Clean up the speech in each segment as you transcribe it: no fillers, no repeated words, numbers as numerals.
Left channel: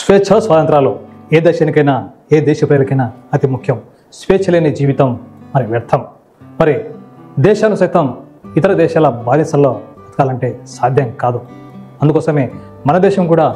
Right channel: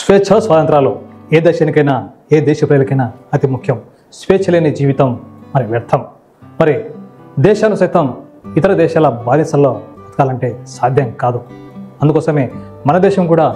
స్వేచ్ఛ స్వాతంత్రాలు ఏ దేశానికైనా ఏ దేశ ప్రజలకైనా అతి ముఖ్యం. స్వేచ్ఛ లేని జీవితం మరి వ్యర్థం. మరి దేశాలు సైతం ఇతర దేశాల బాధ్యతల్లో బతకాలంటే సాధ్యం కాదు. అందుకోసమే మన దేశం కూడా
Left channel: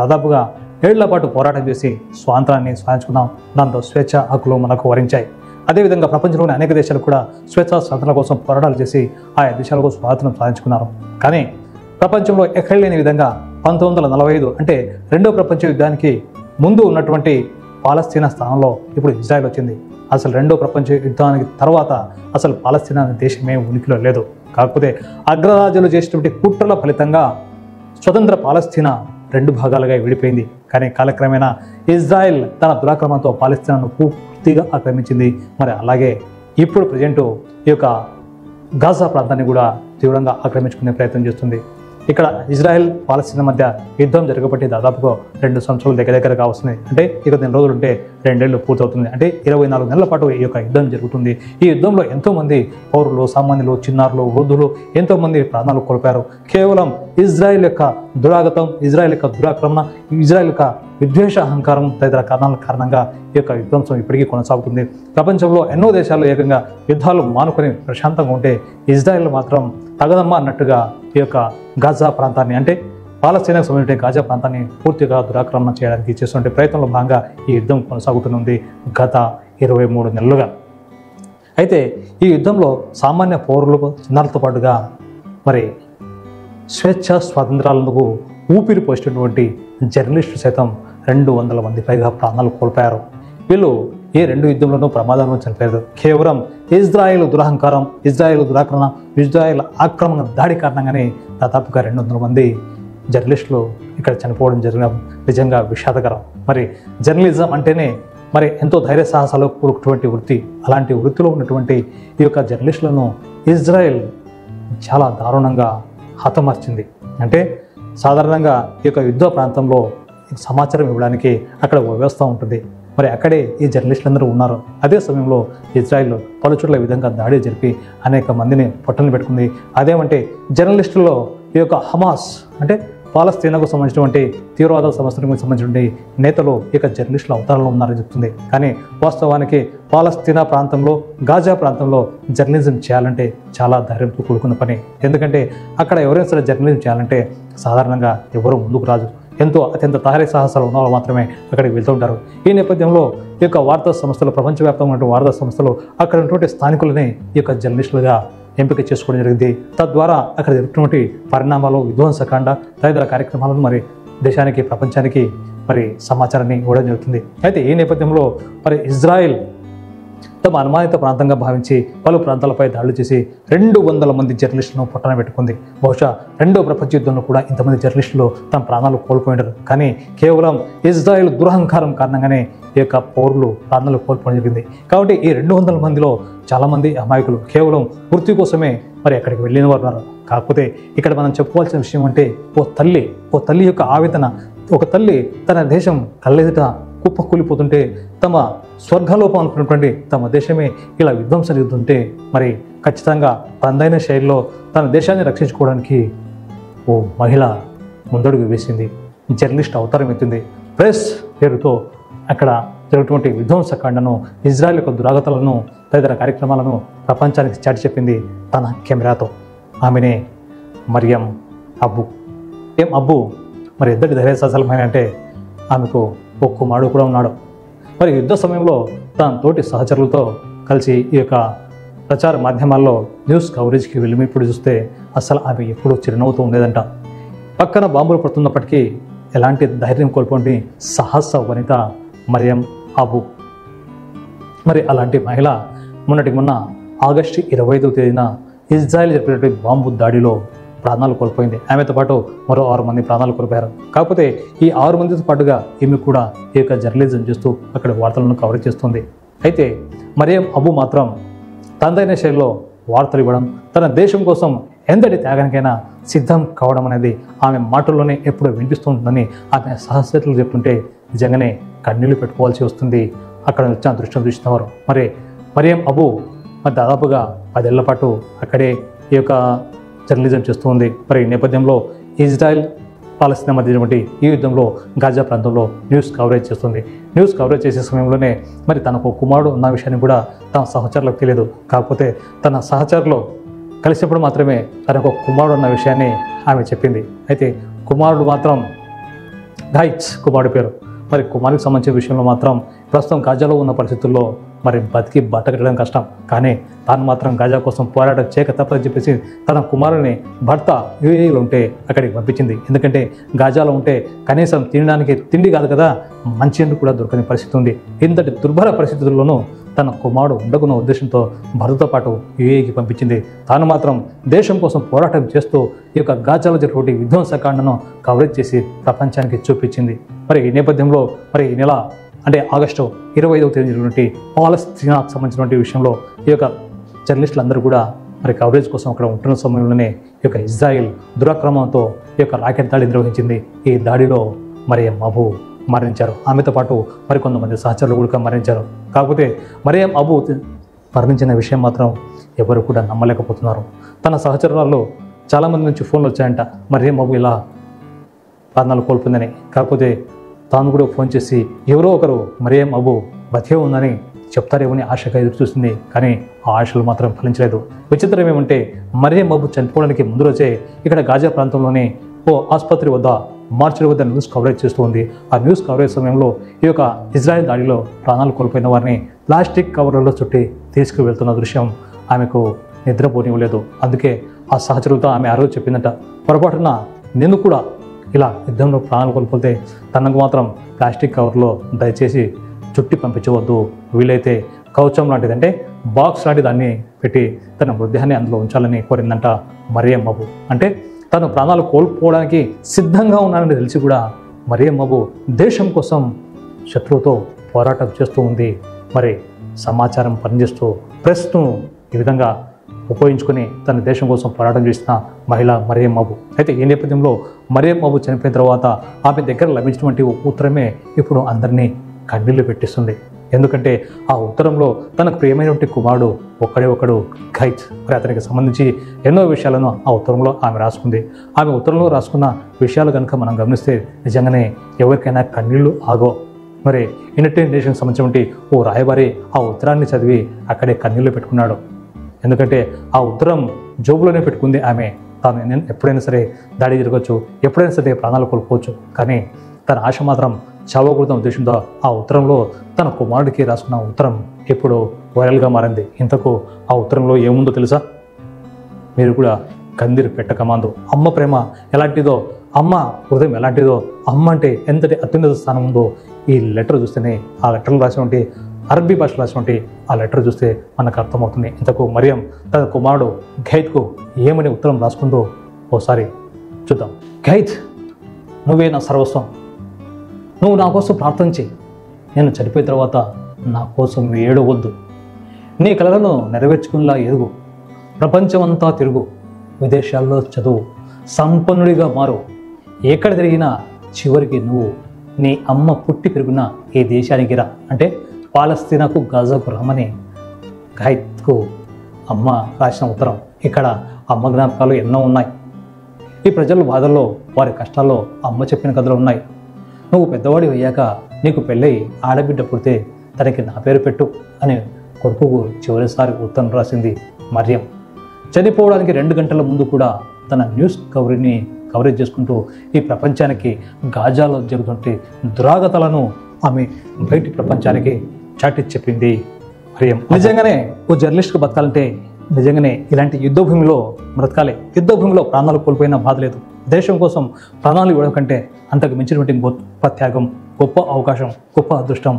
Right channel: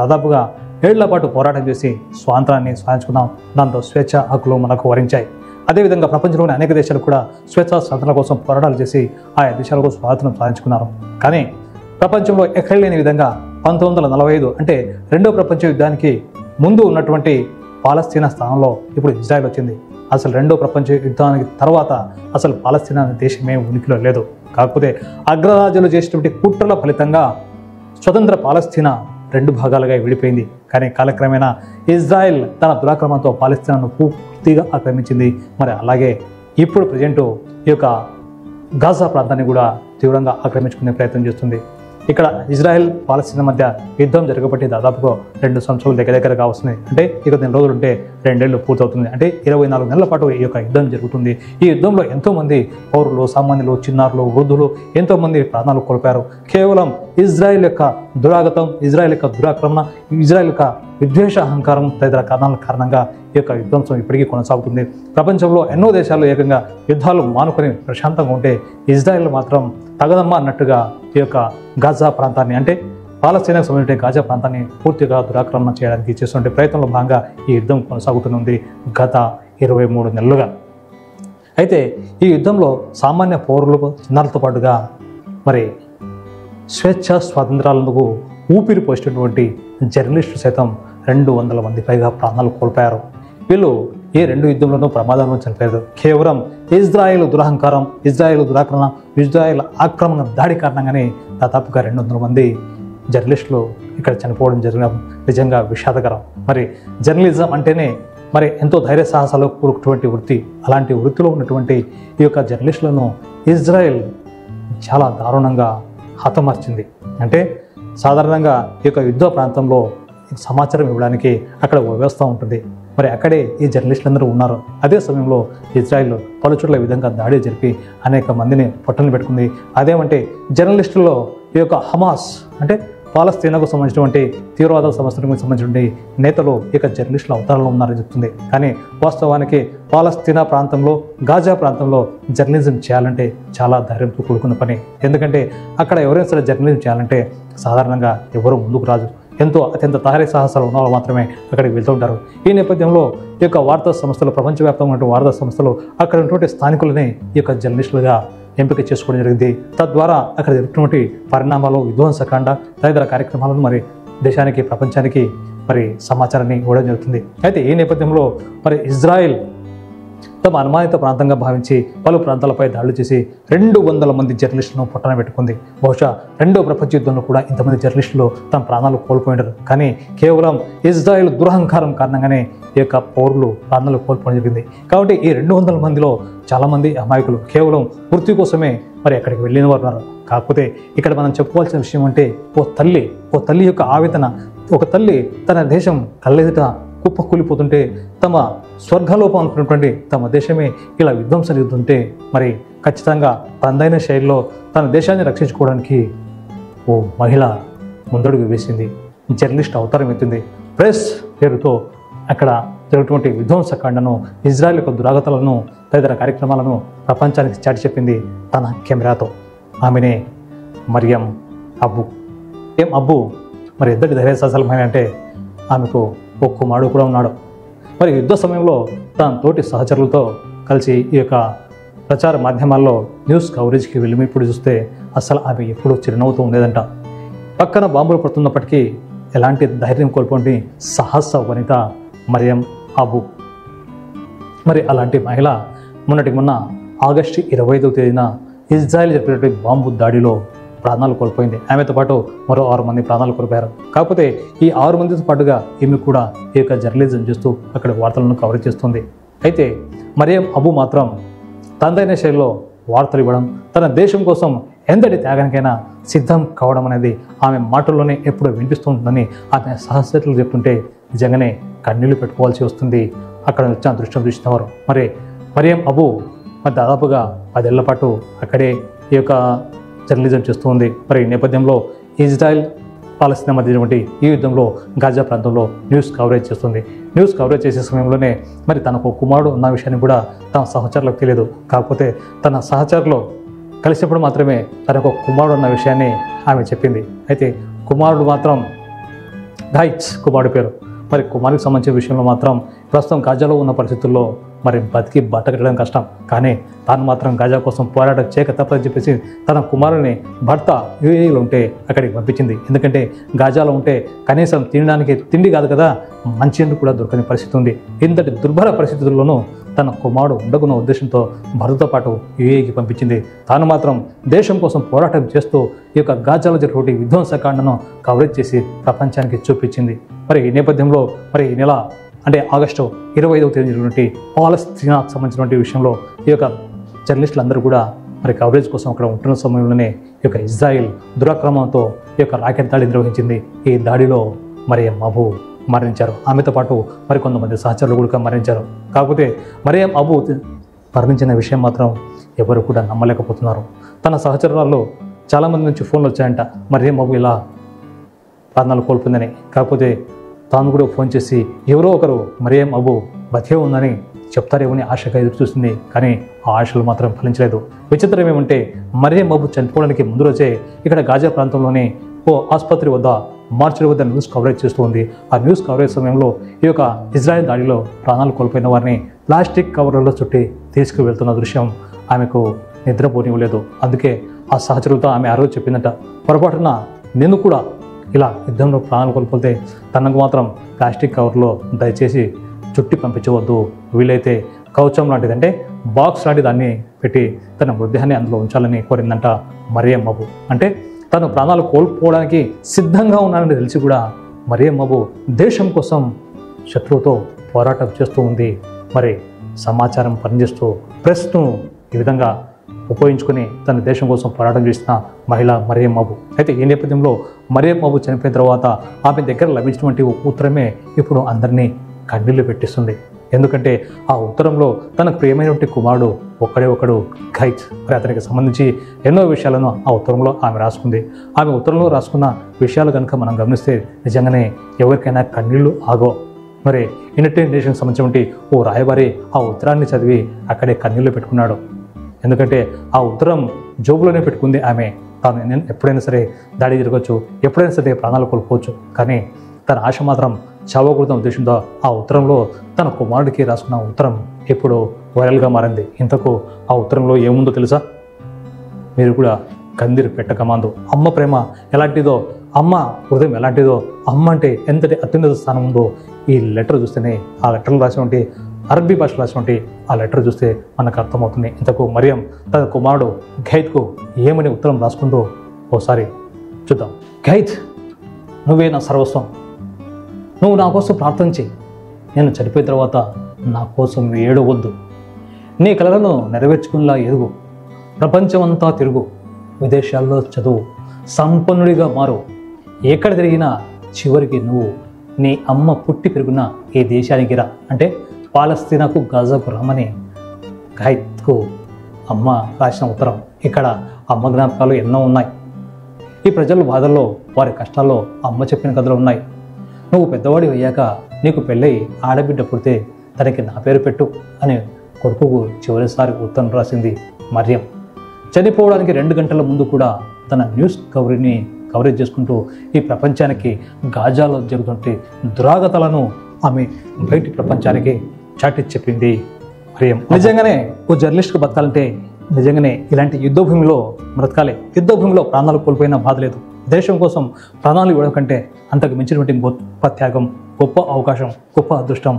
దాదాపుగా 7 ఏళ్ల పాటు పోరాటం చేసి స్వాతంత్రాన్ని సాధించుకున్నాం. దాంట్లో స్వేచ్ఛ హక్కులు మనకు వరించాయి. అదేవిధంగా ప్రపంచంలోని అనేక దేశాలు కూడా స్వేచ్ఛ స్వాతంత్రం కోసం పోరాటాలు చేసి ఆయా దేశాలకు స్వాతంత్రం సాధించుకున్నారు. కానీ ప్రపంచంలో ఎక్కడ లేని విధంగా 1945 అంటే రెండో ప్రపంచ యుద్ధానికి ముందు ఉన్నటువంటి పాలస్తీనా స్థానంలో ఇప్పుడు ఇజ్రాయెల్ వచ్చింది. అసలు రెండో ప్రపంచ యుద్ధానికి తర్వాత అసలు పాలస్తీనా అనే దేశమే ఉనికిలో లేదు. కాకపోతే అగ్రరాజ్యాలు చేసినటువంటి కుట్రల ఫలితంగా స్వతంత్ర పాలస్తీనా 2 భాగాలుగా విడిపోయింది. కానీ కాలక్రమేణా ఇజ్రాయెల్ తన దురాక్రమంతో పాలస్తీనాను పూర్తిగా ఆక్రమించింది. మరి అలాగే ఇప్పుడు ప్రజెంట్ ఈ యొక్క గాజా ప్రాంతాన్ని కూడా తీవ్రంగా ఆక్రమించుకునే ప్రయత్నం చేస్తుంది. ఇక్కడ ఇజ్రాయెల్ పాలస్తీనా మధ్య యుద్ధం జరగబట్టి దాదాపుగా 2 సంవత్సరాలు దగ్గరగా వస్తున్నాయి. అంటే ఇక 10 రోజులు ఉంటే 2 ఏళ్ళు పూర్తవుతుంది. అంటే 24 నెలల పాటు ఈ యొక్క యుద్ధం జరుగుతుంది. ఈ యుద్ధంలో ఎంతో మంది పౌరులు, సామాన్యులు, చిన్నారులు, వృద్ధులు ఎంతో మంది ప్రాణాలు కోల్పోయారు. కేవలం ఇజ్రాయెల్ యొక్క దురాగతం, ఇజ్రాయెల్ యొక్క దురాక్రమణ, ఇజ్రాయెల్ యొక్క విద్వేష అహంకారం తదితర కారణాల కారణంగా ఈ యొక్క యుద్ధం ఇప్పటికీ కొనసాగుతుంది. ప్రపంచంలో ఎన్నో దేశాలు ఏకంగా యుద్ధాలు మానుకొని ప్రశాంతంగా ఉంటే ఇజ్రాయెల్ మాత్రం తగదమ్మా అన్నట్టుగా ఈ యొక్క గాజా ప్రాంతాన్ని అంటే పాలస్తీనాకు సంబంధించిన గాజా ప్రాంతాన్ని పూర్తిగా దురాక్రమణ చేయడానికి చేస్తున్న ప్రయత్నంలో భాగంగా ఈ యుద్ధం కొనసాగుతుంది గత 23 నెలలుగా. అయితే ఈ యుద్ధంలో సామాన్య పౌరులు, చిన్నారులతో పాటుగా మరి స్వేచ్ఛ స్వాతంత్రాలకు ఊపిరి పోసినటువంటి జర్నలిస్టులు సైతం 200 మంది పైగా ప్రాణాలు కోల్పోయారు. వీళ్ళు ఏ 2 యుద్ధంలోనూ ప్రమాదంలో చనిపోయారు. కేవలం ఇజ్రాయెల్ దురహంకారం, ఇజ్రాయెల్ దురాక్రమణ, ఇజ్రాయెల్ ఆక్రమణ దాడి కారణంగానే దాదాపుగా 200 మంది జర్నలిస్టులు ఇక్కడ చనిపోవడం జరిగిన నిజంగా విషాదకరం. మరి జర్నలిజం అంటేనే మరి ఎంతో ధైర్య సాహసాలు కూడుకున్నటువంటి వృత్తి. అలాంటి వృత్తిలో ఉన్నటువంటి ఈ యొక్క జర్నలిస్టులను ఇజ్రాయెల్ చాలా దారుణంగా హతమార్చింది. అంటే సాధారణంగా ఈ యొక్క యుద్ధ ప్రాంతంలో సమాచారం ఇవ్వడానికి అక్కడ వ్యవస్థ ఉంటుంది. మరి అక్కడే ఈ జర్నలిస్టులందరూ ఉన్నారు. అదే సమయంలో ఇజ్రాయెల్ పలుచోట్ల విధంగా దాడులు జరిపి అనేక మందిని పొట్టలు పెట్టుకుంది. అదేమంటే జర్నలిస్టులలో ఈ యొక్క హమాస్ అంటే పాలస్తీనాకు సంబంధించినటువంటి తీవ్రవాద సంస్థలకు సంబంధించిన నేతలు ఇక జర్నలిస్టులు ఉద్యమంలో ఉన్నారని చెప్తుంది. కానీ వాస్తవానికి పాలస్తీనా ప్రాంతంలో, గాజా ప్రాంతంలో జర్నలిజం చేయాలంటే చాలా ధైర్యంతో కూడుకున్న పని. ఎందుకంటే అక్కడ ఎవరైనా సరే జర్నలిజం చేయాలంటే సాధారణంగా ఎవరూ ముందుకు రాదు. అత్యంత ధైర్య సాహసాలు ఉన్న వాళ్ళు మాత్రమే అక్కడికి వెళ్తూ ఉంటారు. ఈ నేపథ్యంలో ఈ యొక్క వార్తా సంస్థలు, ప్రపంచవ్యాప్తంగా వార్తా సంస్థలు అక్కడ ఉన్నటువంటి స్థానికులని ఈ యొక్క జర్నలిస్టులుగా ఎంపిక చేసుకోవడం జరిగింది. తద్వారా అక్కడ జరుగుతున్నటువంటి పరిణామాలు, విధ్వంసకాండ తదితర కార్యక్రమాలను మరి దేశానికి, ప్రపంచానికి మరి సమాచారాన్ని ఇవ్వడం జరుగుతుంది. అయితే ఈ నేపథ్యంలో మరి ఇజ్రాయెల్ తమ అనుమానిత ప్రాంతంగా భావించి పలు ప్రాంతాలపై దాడులు చేసి 200 మంది జర్నలిస్టులను పక్కన పెట్టుకుంది. బహుశా 2వ ప్రపంచ యుద్ధంలో కూడా ఇంతమంది జర్నలిస్టులు తమ ప్రాణాలు కోల్పోయారు. కానీ కేవలం ఇజ్రాయెల్ దురహంకారం కారణంగానే ఈ యొక్క పౌరులు ప్రాణాలు కోల్పోవడం జరిగింది. కాబట్టి ఈ 200 మందిలో చాలా మంది అమాయకులు కేవలం వృత్తి కోసమే మరి అక్కడికి వెళ్ళిన వారు ఉన్నారు. కాకపోతే ఇక్కడ మనం చెప్పుకోవాల్సిన విషయం అంటే ఓ తల్లి యొక్క ఆవేదన. ఒక తల్లి తన దేశం కళ్ళెదుట కుప్పకూలిపోతుంటే, తమ స్వర్గలోపం అనుకున్నటువంటి తమ దేశమే ఇలా విధ్వంసం జరుగుతుంటే మరి ఖచ్చితంగా అందైన శైలిలో తన దేశాన్ని రక్షించుకోవడానికి ఓ మహిళ ముందడుగు వేసింది. జర్నలిస్ట్ అవతారం ఎత్తింది. ప్రెస్ పేరుతో అక్కడ జరుగుతున్నటువంటి విధ్వంసకాండను, ఇజ్రాయెల్ యొక్క దురాగతాలను, తదితర కార్యక్రమాలను ప్రపంచానికి చాటి చెప్పింది తన కెమెరాతో. ఆమెనే మరియం అబ్బు. మరి ఎంతటి ధైర్య సాహసాలమైన అంటే ఆమెకు ఒక కుమారుడు కూడా ఉన్నాడు. మరి యుద్ధ సమయంలో తన తోటి సహచరులతో కలిసి ఈ యొక్క ప్రచార మాధ్యమాల్లో న్యూస్ కవరేజ్కి వెళ్ళి ఇప్పుడు చూస్తే అసలు ఆమె ఎప్పుడు చిరునవ్వుతూ ఉండేదంట. పక్కన బాంబులు పడుతున్నప్పటికీ ఎలాంటి ధైర్యం కోల్పోయి సాహస వనిత మరియం అబు. మరి అలాంటి మహిళ మొన్న ఆగస్టు 25వ తేదీన ఇజ్రాయెల్ జరిపినటువంటి బాంబు దాడిలో ప్రాణాలు కోల్పోయింది. ఆమెతో పాటు మరో 6 మంది ప్రాణాలు కోల్పోయారు. కాకపోతే ఈ 6 మందితో పాటుగా ఈమె కూడా ఈ యొక్క జర్నలిజం చేస్తూ అక్కడ వార్తలను కవరేజ్ చేస్తుంది. అయితే మరియం అబు మాత్రం తనదైన శైలిలో వార్తలు ఇవ్వడం, తన దేశం కోసం ఎంతటి త్యాగానికైనా సిద్ధం కావడం అనేది ఆమె మాటల్లోనే ఎప్పుడూ వినిపిస్తుందని ఆమె సహచరులు చెప్తుంటే నిజంగానే కన్నీళ్లు పెట్టుకోవాల్సి వస్తుంది అక్కడ వచ్చిన దృష్టి చూసిన వారు. మరి మరియం అబు దాదాపుగా 10 ఏళ్ల పాటు అక్కడే ఈ యొక్క జర్నలిజం చేస్తూ ఉంది. మరి ఈ నేపథ్యంలో ఇజ్రాయెల్ పాలస్తీనా మధ్య ఈ యుద్ధంలో గాజా ప్రాంతంలో న్యూస్ కవరేజ్ చేస్తుంది. న్యూస్ కవరేజ్ చేసే సమయంలోనే మరి తనకు కుమారుడు ఉన్న విషయాన్ని కూడా తన సహచరులకు తెలియదు. కాకపోతే తన సహచరులు కలిసిప్పుడు మాత్రమే తనకు కుమారుడు ఉన్న విషయాన్ని ఆమె చెప్పింది. అయితే కుమారుడు మాత్రం రైట్స్ కుమారుడు పేరు. మరి కుమారుడికి సంబంధించిన విషయంలో మాత్రం ప్రస్తుతం గాజాలో ఉన్న పరిస్థితుల్లో మరి బతికి బట్టకట్టడం కష్టం. కానీ తాను మాత్రం గాజా కోసం పోరాటం చేయక తప్పని చెప్పేసి తన కుమారుని భర్త యుఏఈలో ఉంటే అక్కడికి పంపించింది. ఎందుకంటే గాజాలో ఉంటే కనీసం తినడానికి తిండి కాదు కదా, మంచి కూడా దొరకని పరిస్థితి ఉంది. ఇంతటి దుర్భర పరిస్థితుల్లోనూ తన కుమారుడు ఉండకున్న ఉద్దేశంతో భర్తతో పాటు యుఏఈకి పంపించింది. తాను మాత్రం దేశం కోసం పోరాటం చేస్తూ ఈ యొక్క గాజాలో జరిగినటువంటి విధ్వంసకాండను కవరేజ్ చేసి ప్రపంచానికి చూపించింది. మరి ఈ నేపథ్యంలో మరి ఈ నెల అంటే ఆగస్టు 25వ తేదీ జరిగినటువంటి పాలస్తీనా సంబంధించినటువంటి విషయంలో ఈ యొక్క జర్నలిస్టులు అందరూ కూడా మరి కవరేజ్ కోసం అక్కడ ఉంటున్న సమయంలోనే ఈ యొక్క ఇజ్రాయెల్ దురాక్రమణతో ఈ యొక్క రాకెట్ దాడి నిర్వహించింది. ఈ దాడిలో మరియం అబూ మరణించారు. ఆమెతో పాటు మరికొంతమంది సహచరులు కూడా మరణించారు. కాకపోతే మరియం అబూ మరణించిన విషయం మాత్రం ఎవరు కూడా నమ్మలేకపోతున్నారు. తన సహచరులను చాలా మంది నుంచి ఫోన్లు వచ్చాయంట మరియం అబూ ఇలా ప్రాణాలు కోల్పోయిందని. కాకపోతే తాను కూడా ఫోన్ చేసి ఎవరో ఒకరు మరియం అబూ బతికే ఉందని చెప్తారేమని ఆశగా ఎదురు చూసింది. కానీ ఆ ఆశలు మాత్రం ఫలించలేదు. విచిత్రం ఏమంటే మరియం అబూ చనిపోవడానికి ముందు రోజే ఇక్కడ గాజా ప్రాంతంలోని ఓ ఆసుపత్రి వద్ద మార్చి వద్ద న్యూస్ కవరేజ్ చేస్తూ ఉంది. ఆ న్యూస్ కవరేజ్ సమయంలో ఈ యొక్క ఇజ్రాయెల్ దాడిలో ప్రాణాలు కోల్పోయిన వారిని ప్లాస్టిక్ కవర్లలో చుట్టి తీసుకువెళ్తున్న దృశ్యం ఆమెకు నిద్రపోనివ్వలేదు. అందుకే ఆ సహచరులతో ఆమె ఆ రోజు చెప్పినట్ట, పొరపాటున నేను కూడా ఇలా యుద్ధంలో ప్రాణాలు కోల్పోతే తనకు మాత్రం ప్లాస్టిక్ కవర్లో దయచేసి చుట్టి పంపించవద్దు, వీలైతే కవచం లాంటిది అంటే బాక్స్ లాంటి దాన్ని పెట్టి తన మృతదేహాన్ని అందులో ఉంచాలని కోరిందంట మరియం అబూ. అంటే తను ప్రాణాలు కోల్పోవడానికి సిద్ధంగా ఉన్నానని తెలిసి కూడా మరియం అబూ దేశం కోసం శత్రువుతో పోరాటం చేస్తూ ఉంది. మరి సమాచారం పనిచేస్తూ ప్రెస్ను ఈ విధంగా ఉపయోగించుకుని తన దేశం కోసం పోరాటం చేసిన మహిళ మరియం అబూ. అయితే ఈ నేపథ్యంలో మరియం అబూ చనిపోయిన తర్వాత ఆమె దగ్గర లభించినటువంటి ఉత్తరమే ఇప్పుడు అందరినీ కన్నీళ్లు పెట్టిస్తుంది. ఎందుకంటే ఆ ఉత్తరంలో తన ప్రియమైనటువంటి కుమారుడు ఒక్కడే ఒకడు గైడ్, అతనికి సంబంధించి ఎన్నో విషయాలను ఆ ఉత్తరంలో ఆమె రాసుకుంది. ఆమె ఉత్తరంలో రాసుకున్న విషయాలు కనుక మనం గమనిస్తే నిజంగానే ఎవరికైనా కన్నీళ్లు ఆగో. మరి యునైటెడ్ నేషన్స్ సంబంధించినటువంటి ఓ రాయబారి ఆ ఉత్తరాన్ని చదివి అక్కడే కన్నీళ్లు పెట్టుకున్నాడు. ఎందుకంటే ఆ ఉత్తరం జోబులోనే పెట్టుకుంది ఆమె. తాను ఎప్పుడైనా సరే దాడి జరగవచ్చు, ఎప్పుడైనా సరే ప్రాణాలు కోల్పోవచ్చు, కానీ తన ఆశ మాత్రం చావకూడదన్న ఉద్దేశంతో ఆ ఉత్తరంలో తన కుమారుడికి రాసుకున్న ఉత్తరం ఇప్పుడు వైరల్గా మారింది. ఇంతకు ఆ ఉత్తరంలో ఏముందో తెలుసా? మీరు కూడా కందిరి పెట్టకమాందు. అమ్మ ప్రేమ ఎలాంటిదో, అమ్మ హృదయం ఎలాంటిదో, అమ్మ అంటే ఎంతటి అత్యున్నత స్థానం ఉందో ఈ లెటర్ చూస్తేనే, ఆ లెటర్లు రాసినటువంటి అరబ్బీ భాష రాసినటువంటి ఆ లెటర్ చూస్తే మనకు అర్థమవుతుంది. ఇంతకు మరియం తన కుమారుడు గైద్కు ఏమని ఉత్తరం రాసుకుందో ఓసారి చూద్దాం. గైద్, నువ్వే నా సర్వస్వం, నువ్వు నా కోసం ప్రార్థించి నేను చనిపోయిన తర్వాత నా కోసం నువ్వు ఏడవద్దు. నీ కలలను నెరవేర్చుకునేలా ఎరుగు, ప్రపంచమంతా తిరుగు, విదేశాల్లో చదువు, సంపన్నుడిగా మారు, ఎక్కడ తిరిగినా చివరికి నువ్వు నీ అమ్మ పుట్టి పెరిగిన ఏ దేశానికి రా. అంటే పాలస్తీనాకు గాజాకు రమ్మని గైద్కు అమ్మ రాసిన ఉత్తరం. ఇక్కడ అమ్మ జ్ఞాపకాలు ఎన్నో ఉన్నాయి. ఈ ప్రజల బాధల్లో, వారి కష్టాల్లో అమ్మ చెప్పిన కథలు ఉన్నాయి. నువ్వు పెద్దవాడి అయ్యాక నీకు పెళ్ళై ఆడబిడ్డ పుడితే తనకి నా పేరు పెట్టు అని కొడుకు చివరిసారి ఉత్తరం రాసింది మరియం. చనిపోవడానికి 2 గంటల ముందు కూడా తన న్యూస్ కవరేజ్ చేసుకుంటూ ఈ ప్రపంచానికి గాజాలో జరుగుతుంటే దురాగతాలను ఆమె బయటి ప్రపంచానికి చాటి చెప్పింది మరియం. నిజంగానే ఓ జర్నలిస్ట్కు బతకాలంటే నిజంగానే ఇలాంటి యుద్ధ భూమిలో బ్రతకాలి. యుద్ధ భూమిలో ప్రాణాలు కోల్పోయినా బాధ లేదు. దేశం కోసం ప్రాణాలు ఇవ్వడం కంటే అంతకు మించినటువంటి గొప్ప త్యాగం, గొప్ప అవకాశం, గొప్ప అదృష్టం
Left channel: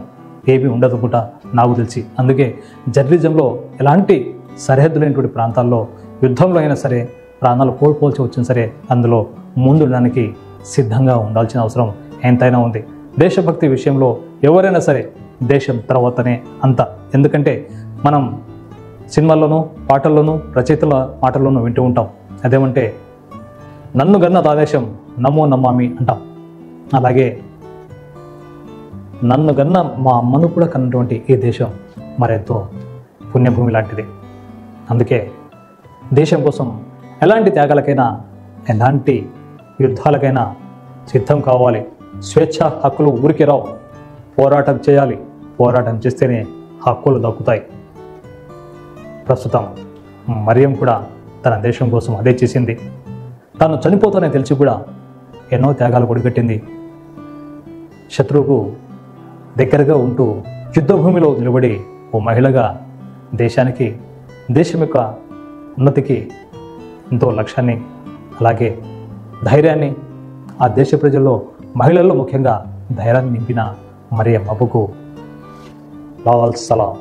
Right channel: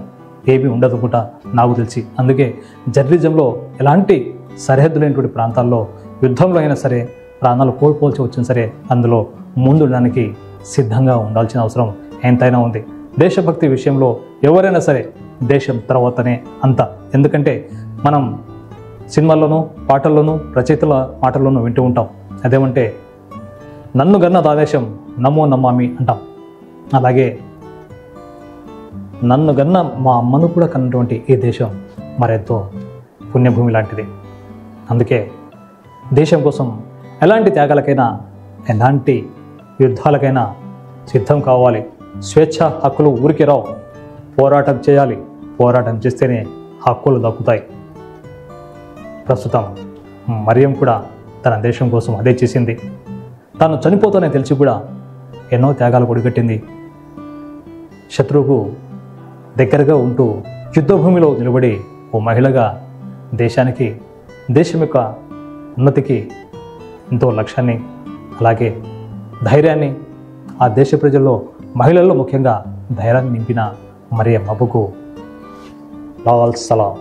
ఏమీ ఉండదుకుంటా నాకు తెలిసి. అందుకే జర్నలిజంలో ఎలాంటి సరిహద్దు లేనటువంటి ప్రాంతాల్లో యుద్ధంలో అయినా సరే ప్రాణాలు కోల్పోవాల్సి వచ్చినా సరే అందులో ముందుడానికి సిద్ధంగా ఉండాల్సిన అవసరం ఎంతైనా ఉంది. దేశభక్తి విషయంలో ఎవరైనా సరే దేశం తర్వాతనే అంత. ఎందుకంటే మనం సినిమాల్లోనూ, పాటల్లోనూ, రచయితల మాటల్లోనూ వింటూ ఉంటాం. అదేమంటే నన్ను గన్న ఆవేశం నమో నమామి అంటాం. అలాగే నన్ను గన్న మా అమ్మను కూడా కన్నటువంటి ఈ దేశం మరెంతో పుణ్యభూమి లాంటిది. అందుకే దేశం కోసం ఎలాంటి త్యాగాలకైనా, ఎలాంటి యుద్ధాలకైనా సిద్ధం కావాలి. స్వేచ్ఛ హక్కులు ఊరికే రావు, పోరాటం చేయాలి. పోరాటం చేస్తేనే హక్కులు దక్కుతాయి. ప్రస్తుతం మరియం కూడా తన దేశం కోసం అదే చేసింది. తాను చనిపోతానని తెలిసి కూడా ఎన్నో త్యాగాలు గుడిపెట్టింది. శత్రువుకు దగ్గరగా ఉంటూ యుద్ధ భూమిలో నిలబడి ఓ మహిళగా దేశానికి, దేశం యొక్క ఉన్నతికి ఎంతో లక్ష్యాన్ని, అలాగే ధైర్యాన్ని, ఆ దేశ ప్రజల్లో మహిళల్లో ముఖ్యంగా ధైర్యాన్ని నింపిన మరియం నబుకు నవాల్ సలాం.